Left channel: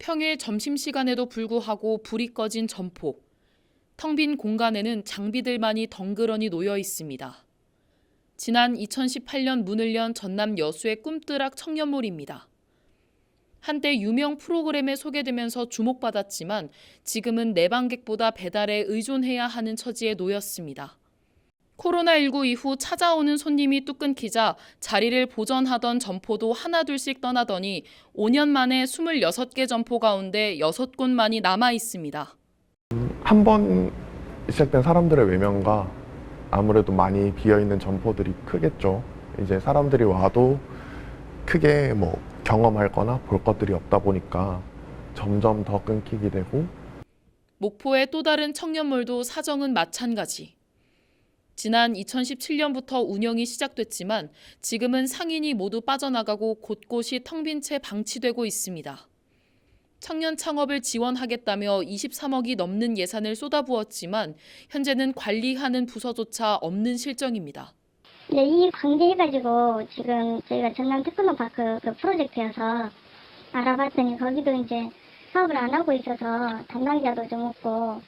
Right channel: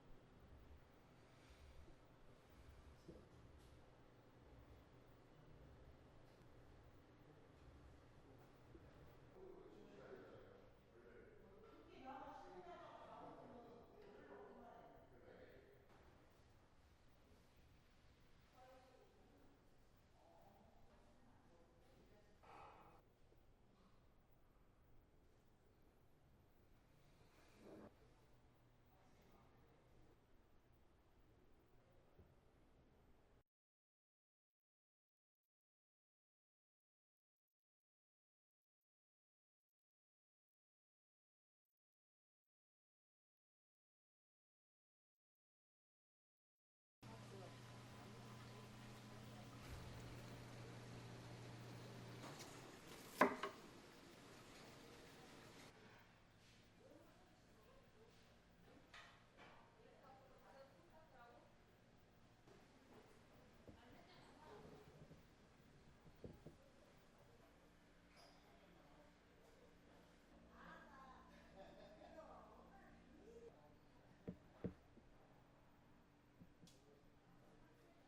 평일 점심시간에도 불구하고 불이 꺼진 점포. 텅 빈 공간에는 장비들만이 덩그러니 놓여 있습니다. 지난 2018년 문을 연 전남 여수의 꿈뜨락 청년몰입니다. 한때 유명 프로그램에 소개되면서 주목받았지만 지금은 내방객보다 배달에 의존해야 하는 처지에 놓였습니다. 코로나19 이후 찾아오는 손님이 뚝 끊기자 자리를 보전하던 점포도 하나둘씩 떠나더니 5년 만에 26개 점포 가운데 6곳만이 남아 있습니다. 한 번 시작된 사람들의 외면과 아무래도 많이 비어있는 점포들이 크겠죠. 이제 사람들이 와도 크게 경험할 거나 볼 것들이 없다 보니까 점점 더 끊기게 되고. 목포의 또 다른 청년몰도 사정은 마찬가지. 지난 2017년부터 운영이 시작됐지만 지금은 상인이 모두 빠져나가고 곳곳이 텅 빈 채 방치되고 있습니다. 청년 창업을 지원하겠다며 23억이 넘는 예산을 쏟아부었지만 현재는 관리하는 부서조차 없는 실정입니다. 네, 이 관계해가지고 지금 저희가 전남 테크노파크 그 프로젝트여서 알아봤더니 거기도 이제 사업을 안 하고 있어서 담당자도 좀 없고.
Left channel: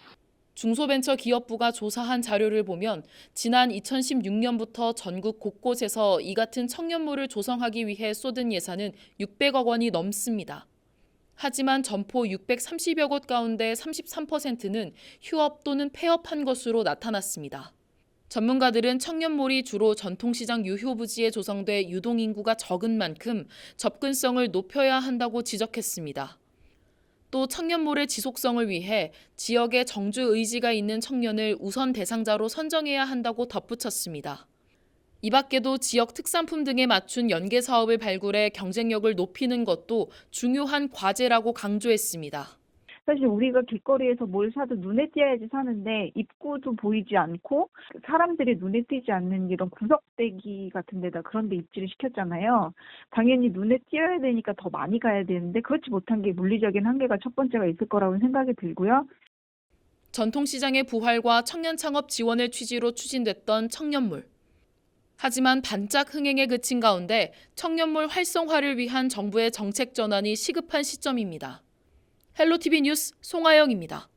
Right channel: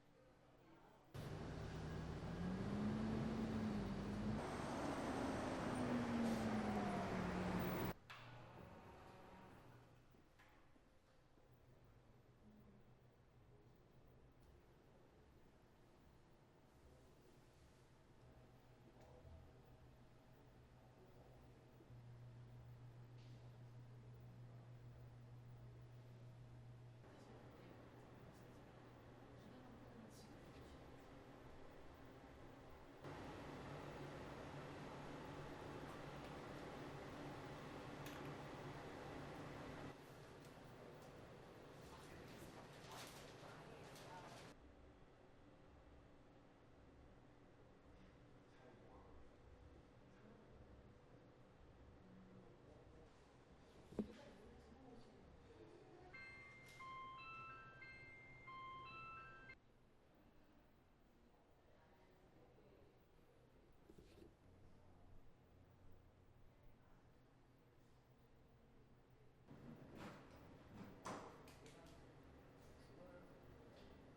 중소벤처기업부가 조사한 자료를 보면 지난 2016년부터 전국 곳곳에서 이 같은 청년몰을 조성하기 위해 쏟은 예산은 600억 원이 넘습니다. 하지만 점포 630여 곳 가운데 33%는 휴업 또는 폐업한 것으로 나타났습니다. 전문가들은 청년몰이 주로 전통시장 유효 부지에 조성돼 유동인구가 적은 만큼 접근성을 높여야 한다고 지적했습니다. 또 청년몰의 지속성을 위해 지역에 정주 의지가 있는 청년을 우선 대상자로 선정해야 한다고 덧붙였습니다. 이 밖에도 지역 특산품 등에 맞춘 연계 사업을 발굴해 경쟁력을 높이는 것도 중요한 과제라고 강조했습니다. 사실 우리가 길거리에서 뭘 사도 눈에 띄어야지 사는데 입구도 보이지 않고 사람들이 눈에 띄지 않는 이런 구석대기 같은 데다 그런 데 입지를 시켰잖아요. 당연히 눈에 띄어야 되니까 더 많이 가야 되는데 그렇지 못한 게 물리적인 한계가 첫 번째가 있을 거라고 생각이 들고요. 전통시장의 부활과 청년 창업 지원을 취지로 추진됐던 청년몰. 하지만 반짝 흥행에 그친 가운데 청년몰 활성화를 위한 정부의 정책 전환이 시급한 시점입니다. 헬로티비 뉴스 송하영입니다.